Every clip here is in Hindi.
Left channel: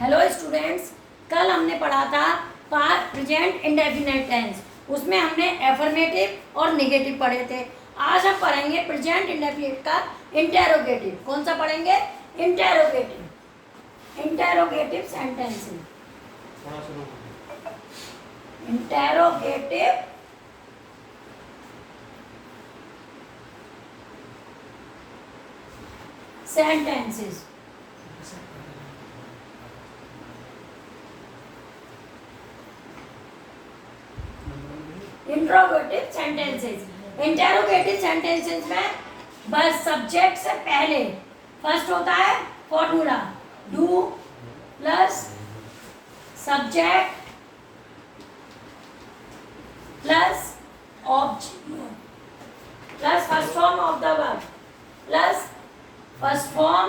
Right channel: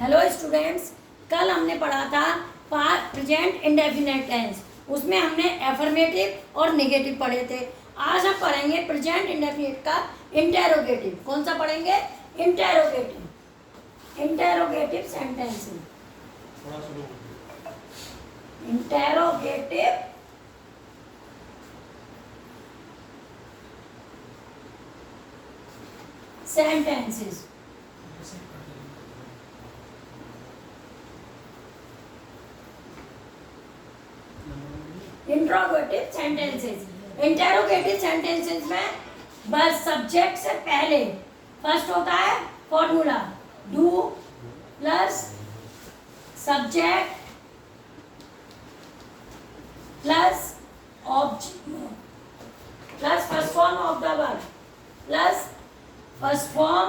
हेलो स्टूडेंट्स, कल हमने पढ़ा था प्रेजेंट इंडेफिनिट टेंस। उसमें हमने एफर्मेटिव और नेगेटिव पढ़े थे। आज हम पढ़ेंगे प्रेजेंट इंडेफिनिट का इंटेरोगेटिव। कौन सा पढ़ेंगे? Interrogative. Interrogative sentences. Interrogative sentences. Interrogative sentences. Interrogative sentences में बस सब्जेक्ट से पहले फर्स्ट होता है formula do plus subject plus object plus first form of the verb plus first form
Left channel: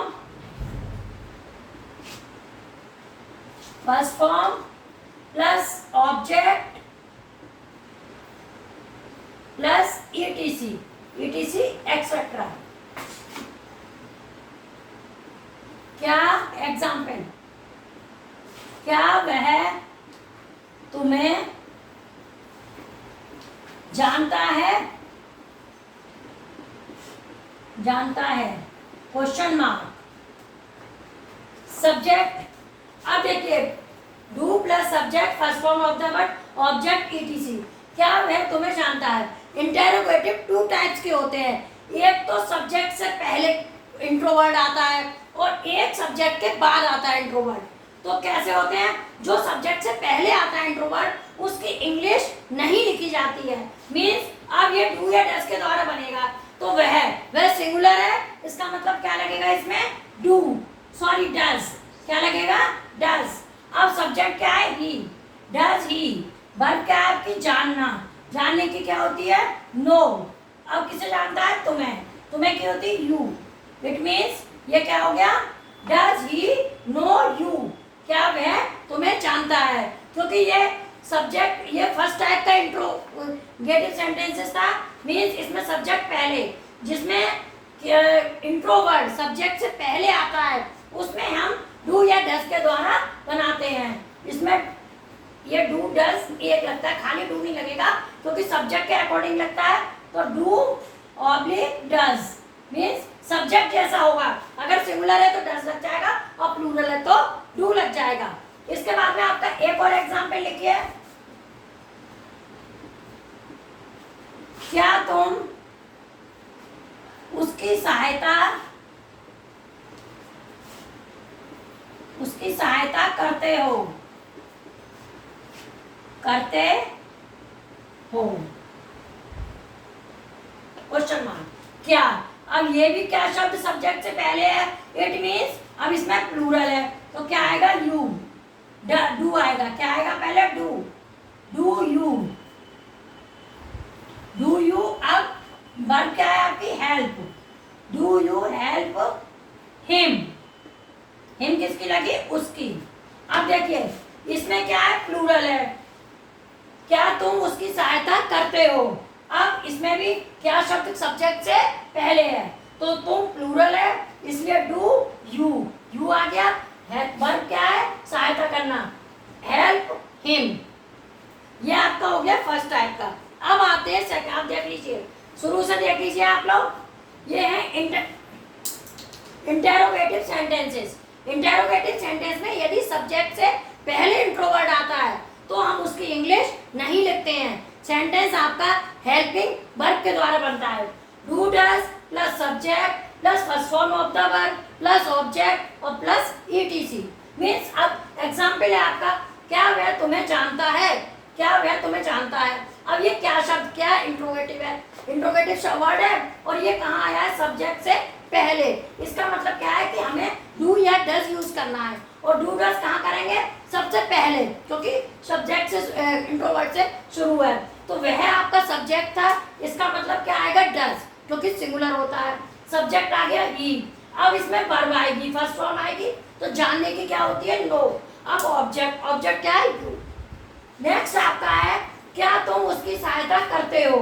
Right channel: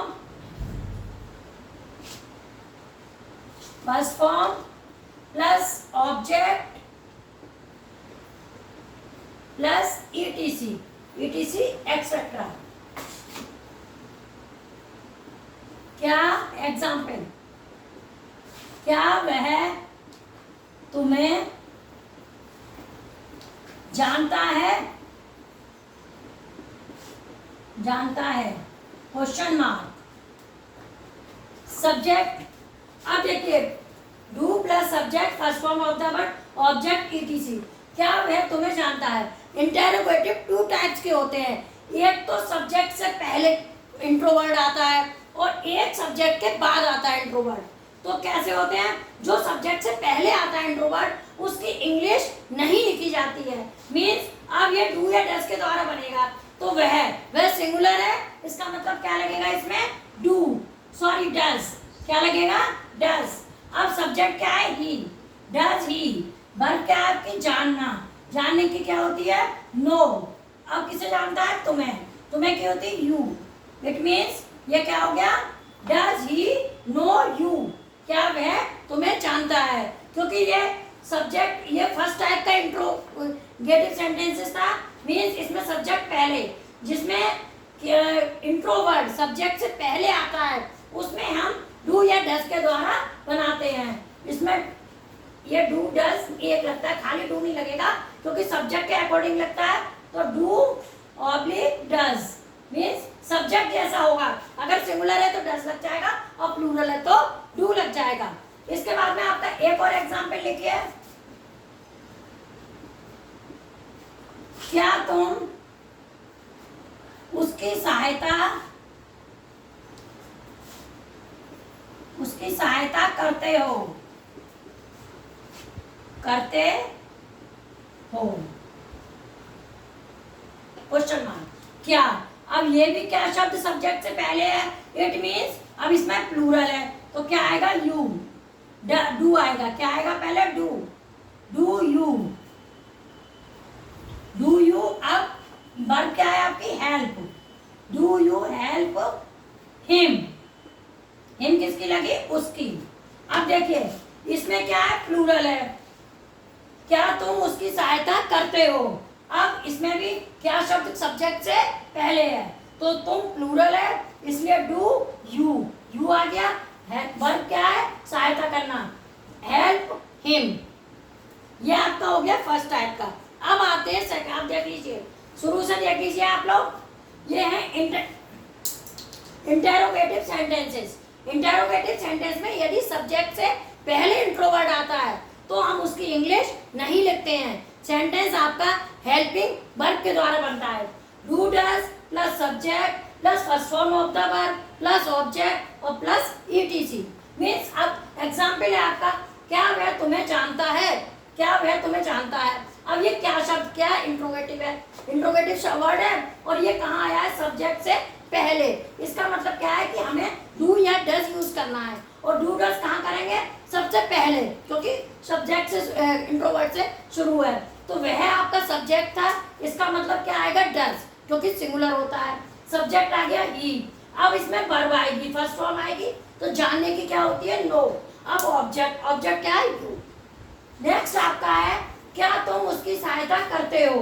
plus object plus etc etcetera. क्या एग्जाम्पल? क्या वह तुम्हें जानता है? जानता है क्वेश्चन मार्क। सब्जेक्ट, अब देखिए do plus subject first form of the word object etc। क्या वह तुम्हें जानता है? इंटेरोगेटिव टू टाइप्स के होते हैं। एक तो सब्जेक्ट से पहले इंट्रोवर्ड आता है और एक सब्जेक्ट के बाद आता है इंट्रोवर्ड। तो कैसे होते हैं? जो सब्जेक्ट से पहले आता है इंट्रोवर्ड, उसकी इंग्लिश नहीं लिखी जाती है। मीन्स अब ये डू या डज के द्वारा बनेगा, तो वह सिंगुलर है। इसका मतलब क्या लगेगा इसमें? Do, sorry does. क्या लगेगा? डज। अब सब्जेक्ट क्या है? ही। Does he. वर्ब क्या है आपकी? जानना। जानने की क्या होती है? नो। अब किसे जानता है? तुम्हें। तुम्हें क्या होती है? यू। इट मीन्स ये क्या हो गया? Does he know you. क्या वह तुम्हें जानता है? क्योंकि ये सब्जेक्ट, ये फर्स्ट टाइप का इंट्रोगेटिव सेंटेंसेस था। मीन्स इसमें सब्जेक्ट पहले, जिसमें इंट्रोवर्ड सब्जेक्ट से पहले आता है, उसमें हम डू या डज के द्वारा बनाते हैं। इसमें ये डू डज एक लगता है, खाली डू नहीं लगेगा क्योंकि सब्जेक्ट के अकॉर्डिंग लगता है। तो do oblique does means subject जैसा होगा। अगर सिंगुलर है तो डज लग जाएगा और प्लूरल है तो डू लग जाएगा। इसके बाद में आपका एक और एग्जांपल लिखिए। क्या तुम उसकी सहायता करते हो? करते हो क्वेश्चन मार्क। क्या? अब ये भी क्या शब्द सब्जेक्ट से पहले है? इट मीन्स अब इसमें प्लूरल है तो क्या आएगा? यू। डू आएगा। क्या आएगा पहले? Do. Do you. Do you. अब वर्ब क्या है आपकी? Help. Do you help him. Him किसकी लगी? उसकी। अब देखिए इसमें क्या है? प्लूरल है। क्या तुम उसकी सहायता करते हो? अब इसमें भी क्या शब्द सब्जेक्ट से पहले है तो तुम प्लूरल है, इसलिए डू यू। यू आ गया। वर्ब क्या है? सहायता करना। Help him. ये आपका हो गया फर्स्ट टाइप का। अब आते हैं सेकंड। आप देख लीजिए, शुरू से देख लीजिए आप लोग। ये है इंटेरोगेटिव सेंटेंसेस। इंटेरोगेटिव सेंटेंस में यदि सब्जेक्ट से पहले इंट्रोवर्ड आता है तो हम उसकी इंग्लिश नहीं लिखते हैं। सेंटेंस आपका हेल्पिंग वर्ब के द्वारा बनता है। Do does plus subject plus first form of the verb plus object और प्लस etc। मीन्स अब एग्जाम्पल है आपका, क्या वह तुम्हें जानता है? क्या वह तुम्हें जानता है? अब ये क्या शब्द, क्या इंट्रोगेटिव है? इंट्रोगेटिव वर्ड है और ये कहाँ आया है? सब्जेक्ट से पहले। इसका मतलब क्या है कि हमें डू या डज यूज करना है। और डू डज कहाँ करेंगे? सबसे पहले, क्योंकि सब्जेक्ट से इंट्रोवर्ड से शुरू है। तो वह आपका सब्जेक्ट था। इसका मतलब क्या आएगा? डज, क्योंकि सिंगुलर होता है। सब्जेक्ट आ गया ही। अब इसमें वर्ब आएगी, फर्स्ट फॉर्म आएगी तो जानने की क्या होती है? नो। अब ऑब्जेक्ट, ऑब्जेक्ट क्या है? यू। नेक्स्ट आपका है क्या तुम उसकी सहायता करते हो?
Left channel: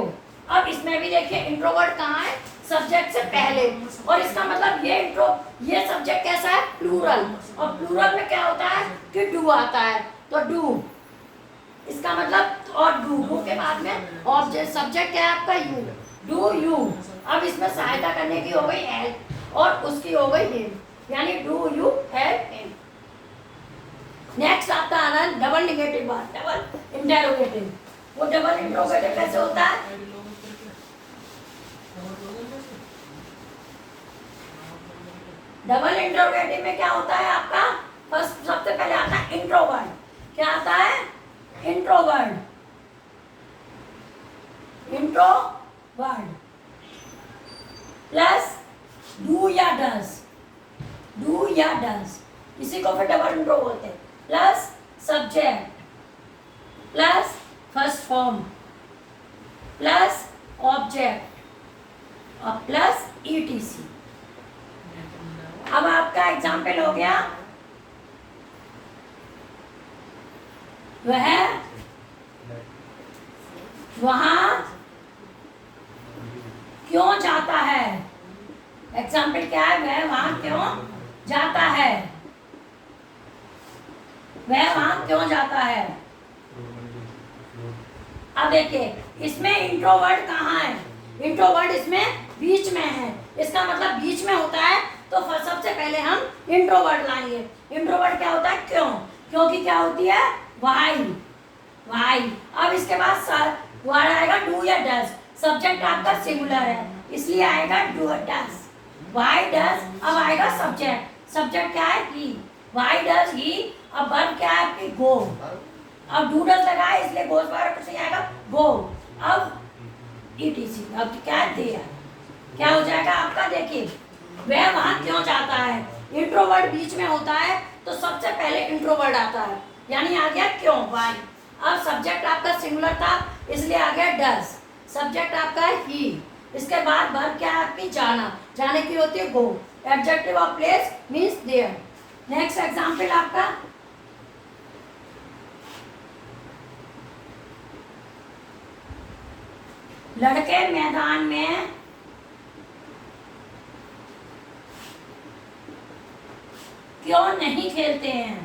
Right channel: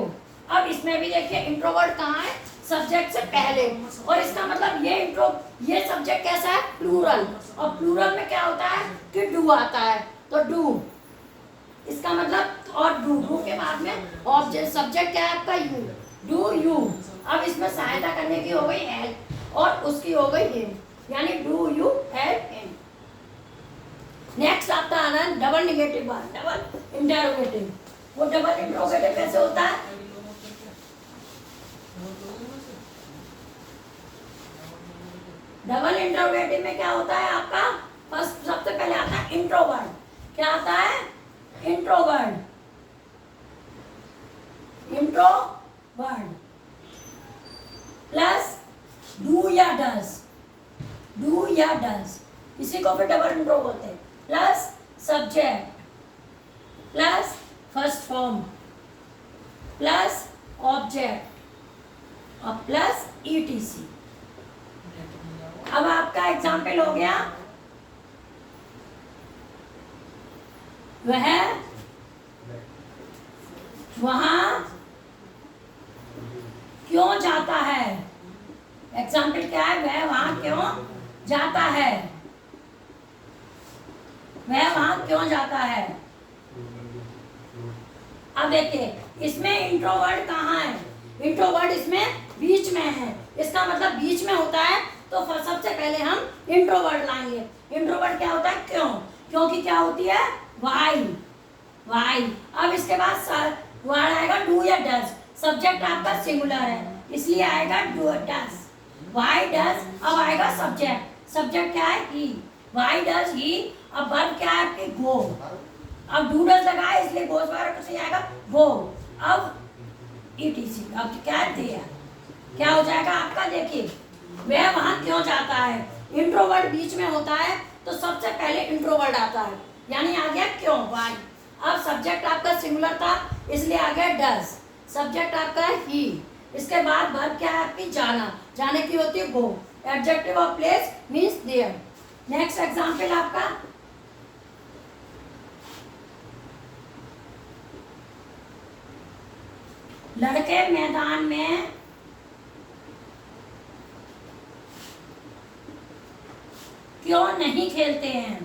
अब इसमें भी देखिए इंट्रोवर्ट कहाँ है? सब्जेक्ट से पहले। और इसका मतलब ये सब्जेक्ट कैसा है, प्लूरल, और प्लूरल में क्या होता है कि डू आता है, तो डू, इसका मतलब, और डू के बाद में ऑब्जेक्ट सब्जेक्ट क्या है आपका, यू, डू यू। अब इसमें सहायता करने की हो गई हेल्प और उसकी हो गई हिम, यानी do you help him. Next आपका आना है double negative word, double interrogative. वो डबल इंटरोगेटिव कैसे होता है, डबल इंटरोगेटिव में क्या होता है आपका, फर्स्ट सबसे पहले आता है इंट्रो वर्ड। क्या आता है, intro word, intro word plus do या डज, डू या डज, इसी को फिर डबल इंट्रो बोलते हैं, plus subject plus first form plus object और प्लस ईटीसी। अब आपका एग्जाम्पल हो गया, वह वहां क्यों जाता है, एग्जाम्पल क्या है, वह वहां क्यों जाता है, वह वहां क्यों जाता है। अब देखिए इसमें इंट्रोवर्ट कहाँ है, इंट्रोवर्ट इसमें बीच में है, इसका मतलब बीच में होता है, तो सबसे पहले हम इंट्रोवर्ट लाएंगे। इंट्रोवर्ट क्या होता है, क्यों, क्योंकि क्या होती है, वाई, वाई। अब इसके बाद वर्ड आएगा डू या डज, सब्जेक्ट आपका सिंगुलर है इसलिए आएगा डू डज, वाई डज। अब आएगा सब्जेक्ट, सब्जेक्ट क्या है, ही, वाई डज ही। अब वर्ब क्या है आपकी, गो, अब डू डज लगा है इसलिए गोज बार कुछ नहीं आएगा, गो। अब ईटीसी, अब क्या है, देयर, क्या हो जाएगा आपका, देखिए वह वहां क्यों जाता है, इंट्रोवर्ट बीच में होता है तो सबसे पहले इंट्रोवर्ट आता है, यानी आ गया क्यों, वाई। अब सब्जेक्ट आपका सिंगुलर था इसलिए आ गया डज, सब्जेक्ट आपका है ही, इसके बाद वर्ब क्या है आपकी, जाना, जाने की होती है go, adjective of place means there. Next example आपका, लड़के मैदान में क्यों नहीं खेलते हैं,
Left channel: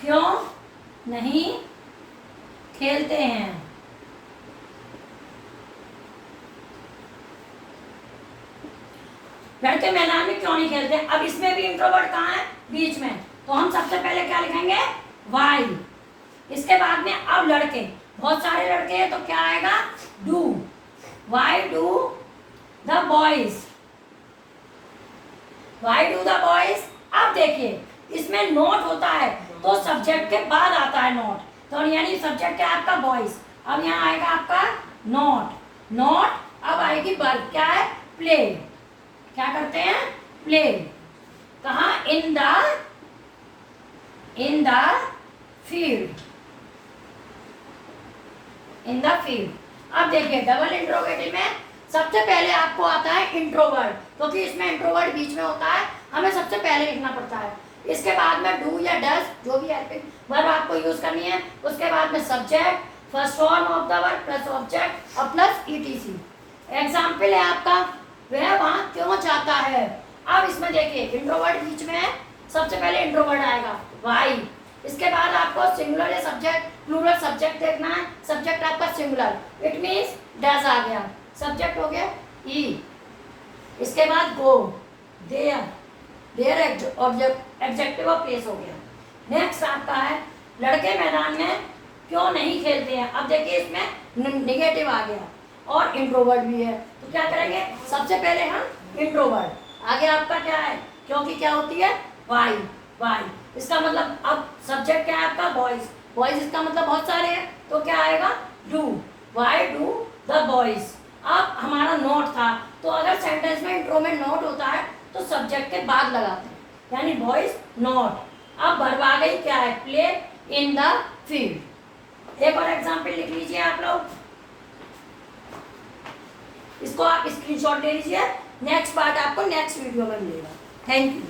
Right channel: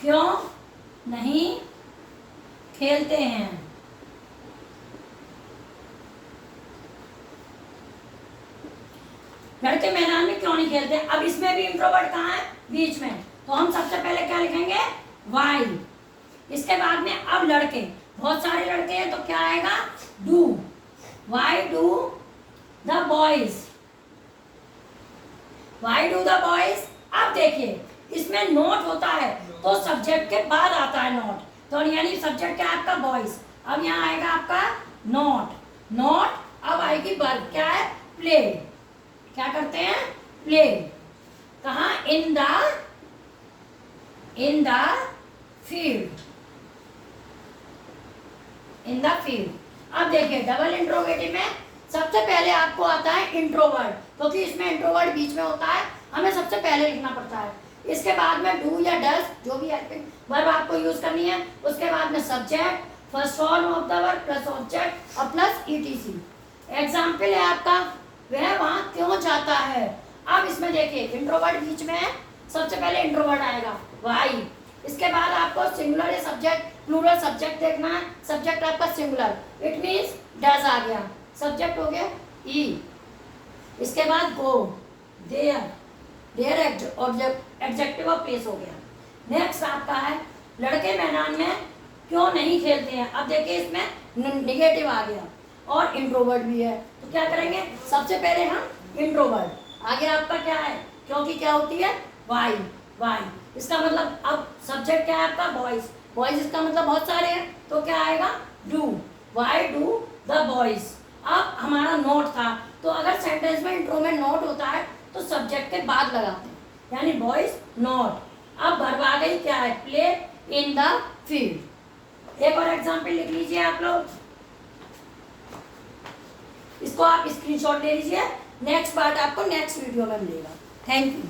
क्यों नहीं खेलते हैं। लड़के मैदान में क्यों नहीं खेलते, अब इसमें भी इंट्रोवर्ट कहाँ है, बीच में, तो हम सबसे पहले क्या लिखेंगे, वाई। इसके बाद में अब लड़के, बहुत सारे लड़के हैं तो क्या आएगा, do, why do the boys, why do the boys. अब देखिए इसमें नोट होता है तो सब्जेक्ट के बाद आता है नोट, तो यानी सब्जेक्ट क्या है आपका, बॉयज। अब यहाँ आएगा आपका नोट, नोट। अब आएगी वर्ब क्या है, प्ले, क्या करते हैं, प्ले, कहाँ, in the field, in the field. अब देखिए डबल इंट्रोगेटिव में सबसे पहले आपको आता है इंट्रोवर्ट, क्योंकि इसमें इंट्रोवर्ट बीच में होता है, हमें सबसे पहले लिखना पड़ता है। इसके बाद में डू या डज जो भी हेल्पिंग वर्ब आपको यूज करनी है, उसके बाद में subject, first form of the verb plus object और प्लस ईटीसी। एग्जाम्पल है आपका, वह वहां क्यों जाता है। अब इसमें देखिए इंट्रोवर्ट बीच में है, सबसे पहले इंट्रोवर्ट आएगा, वाई। इसके बाद आपको सिंगुलर या सब्जेक्ट, प्लूरल सब्जेक्ट देखना है, सब्जेक्ट आपका सिंगुलर, इट मींस डज आ गया, सब्जेक्ट हो गया ही। इसके बाद go, there, there adjective of place हो गया। नेक्स्ट आपका है, लड़के मैदान में क्यों नहीं खेलते हैं। अब देखिए इसमें नेगेटिव आ गया और इंट्रोवर्ट भी है, तो क्या करेंगे, सबसे पहले हम इंट्रोवर्ट, आगे आपका क्या है, क्योंकि क्या होती है, वाई, वाई। इसका मतलब अब सब्जेक्ट क्या है आपका, बॉयज, बॉयज इसका मतलब बहुत सारे हैं, तो क्या आएगा, do, why do the boys. अब हमारा नोट था, तो अगर सेंटेंस में इंट्रो में नोट होता है तो सब्जेक्ट के बाद लगाते हैं, यानी बॉयज नोट। अब वर्ब आ गई क्या है, प्ले इन द फील्ड। एक और एग्जांपल लिख लीजिए आप लोग, इसको आप स्क्रीनशॉट ले लीजिए, नेक्स्ट पार्ट आपको नेक्स्ट वीडियो में मिलेगा। Thank you.